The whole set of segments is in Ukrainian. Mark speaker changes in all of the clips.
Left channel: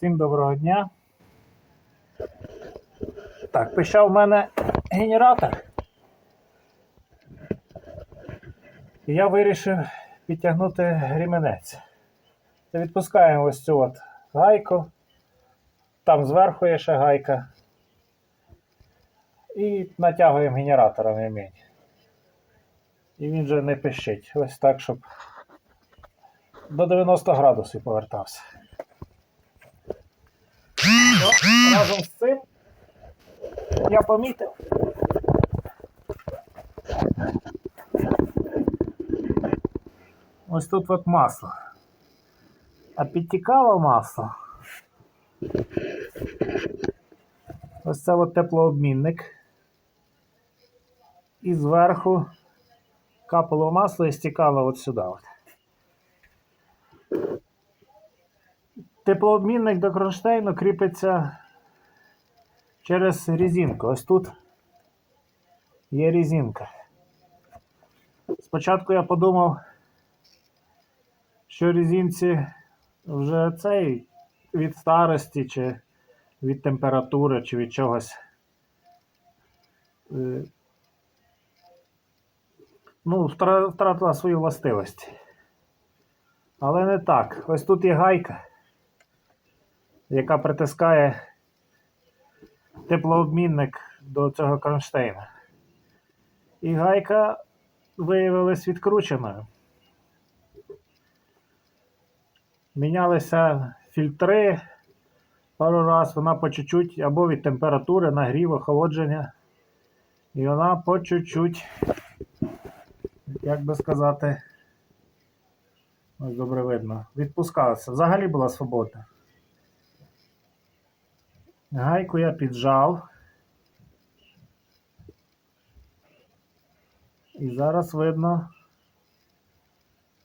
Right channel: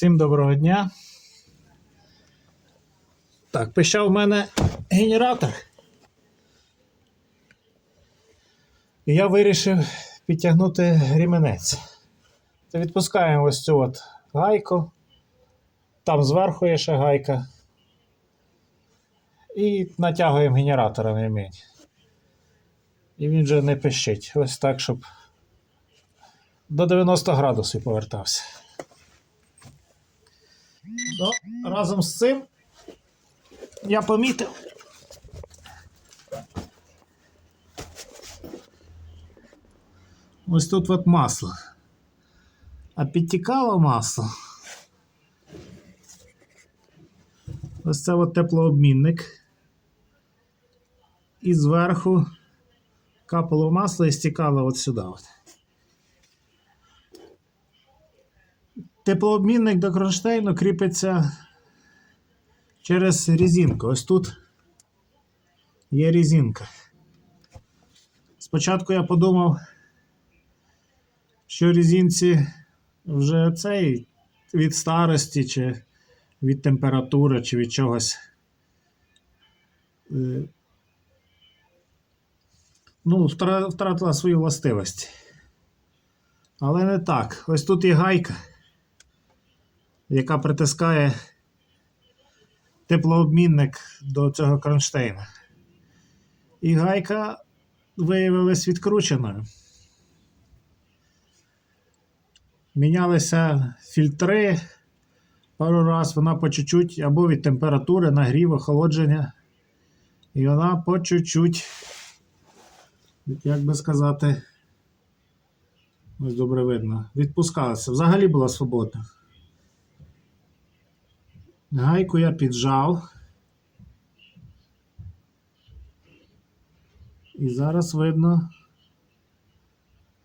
Speaker 1: Всім доброго дня. Так, пищав в мене генератор. І я вирішив підтягнути ремінець. То відпускаємо ось цю от гайку. Там зверху є ще гайка. І натягуємо генератора на ремінь. І він вже не пищить. Ось так, щоб до 90 градусів повертався. Ну, разом з цим я помітив. Ось тут от масло. А підтікало масло. Ось це от теплообмінник. І зверху капало масло і стікало от сюди. От. Теплообмінник до кронштейну кріпиться через резинку. Ось тут є резинка. Спочатку я подумав, що резинці вже цей від старості, чи від температури, чи від чогось. е, Ну, втратила свої властивості. Але не так. Ось тут є гайка яка притискає теплообмінник до цього кронштейна. І гайка виявилась відкрученою. Мінялися фільтри пару раз, вона по чуть-чуть або від температури, нагріву, охолодження. І вона по чуть-чуть, як би сказати, ось добре видно, відпускалася. Взагалі була свободна. Гайку я піджав. І зараз видно,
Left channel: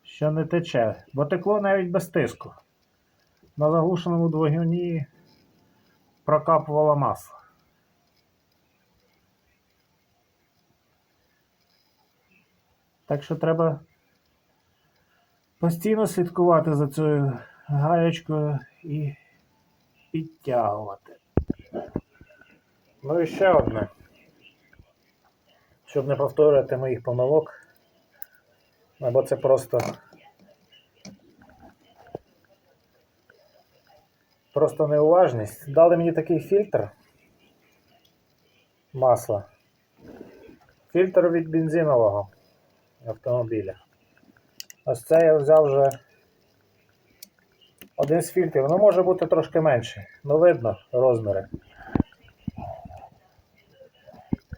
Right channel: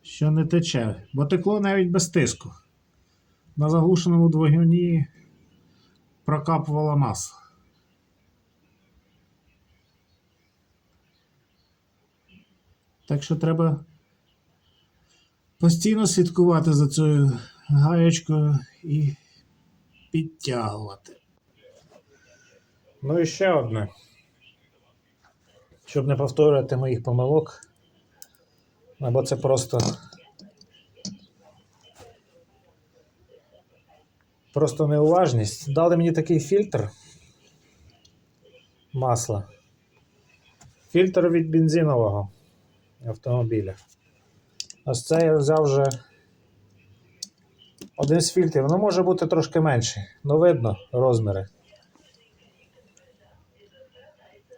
Speaker 1: що не тече, бо текло навіть без тиску. На заглушеному двигуні прокапувало масло. Так що треба постійно слідкувати за цією гаєчкою і підтягувати. Ну і ще одне. Щоб не повторювати моїх помилок. Або це просто. Просто неуважність. Дали мені такий фільтр масла. Фільтр від бензинового автомобіля. Ось це я взяв вже один з фільтрів. Ну, може бути трошки менше. Ну, видно розміри.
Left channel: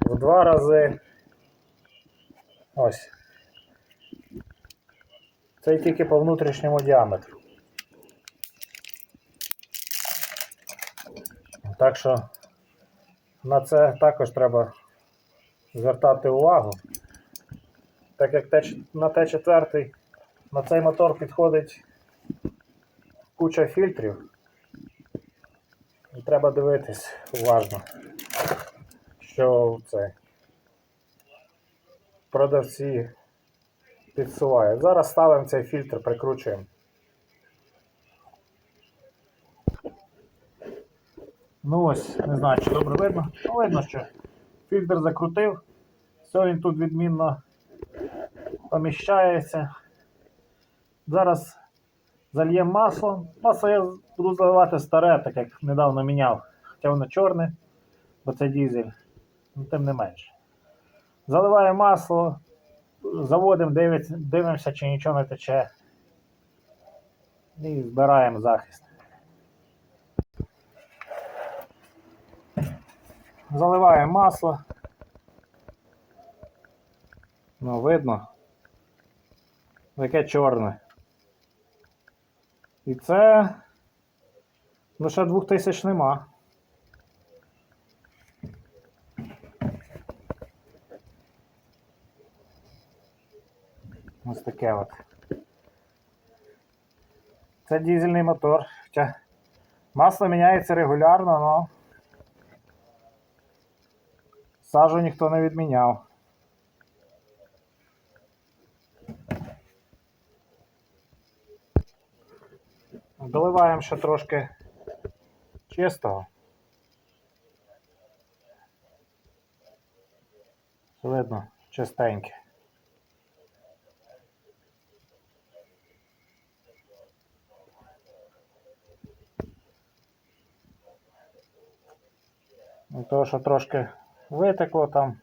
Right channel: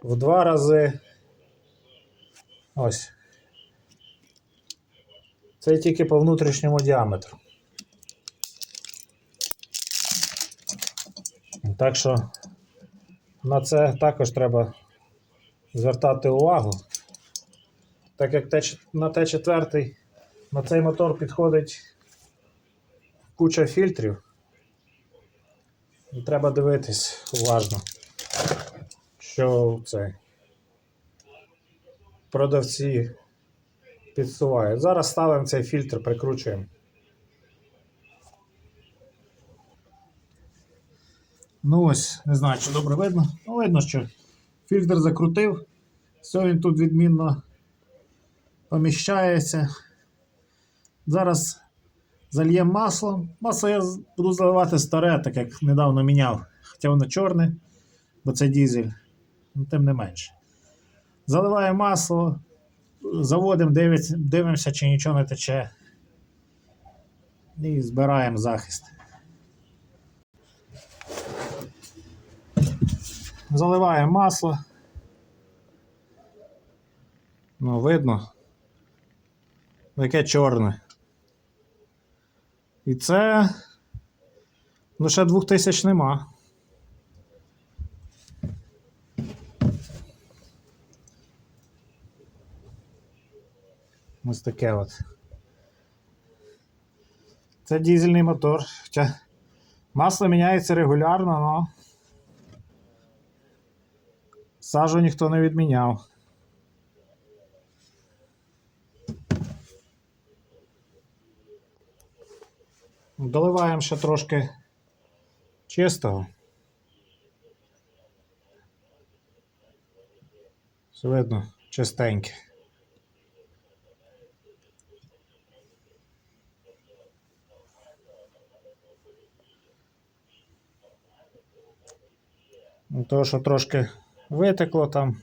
Speaker 1: В два рази. Ось. Це тільки по внутрішньому діаметру. Так що на це також треба звертати увагу. Так як на Т4 на цей мотор підходить куча фільтрів. І треба дивитись уважно, що це продавці підсувають. Зараз ставимо цей фільтр, прикручуємо. Ну ось, не знаю, чи добре видно. Ну, видно, що фільтр закрутив. Все він тут відмінно поміщається. Зараз зальємо масло. Масло я буду заливати старе, так як недавно міняв. Хоча воно чорне, бо це дізель. Ну, тим не менше. Заливаємо масло, заводимо, дивимося, чи нічого не тече. І збираємо захист. Заливаємо масло. Ну, видно. Яке чорне. І це. Ну, ще 2000 нема. Ось таке от. Це дізельний мотор. Хоча масло міняється регулярно, але сажу ніхто не відміняв. Доливаємо ще трошки чистого. Все видно, чистеньке. Того, що трошки витекло там.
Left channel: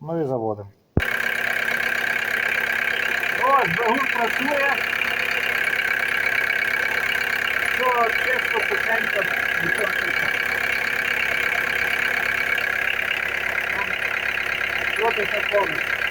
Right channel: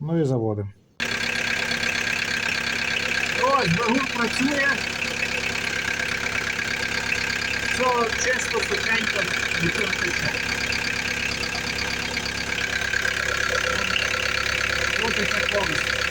Speaker 1: Ну і заводимо. Ось, двигун працює. Все чисто, сухенько, нічого не пише. Повністю.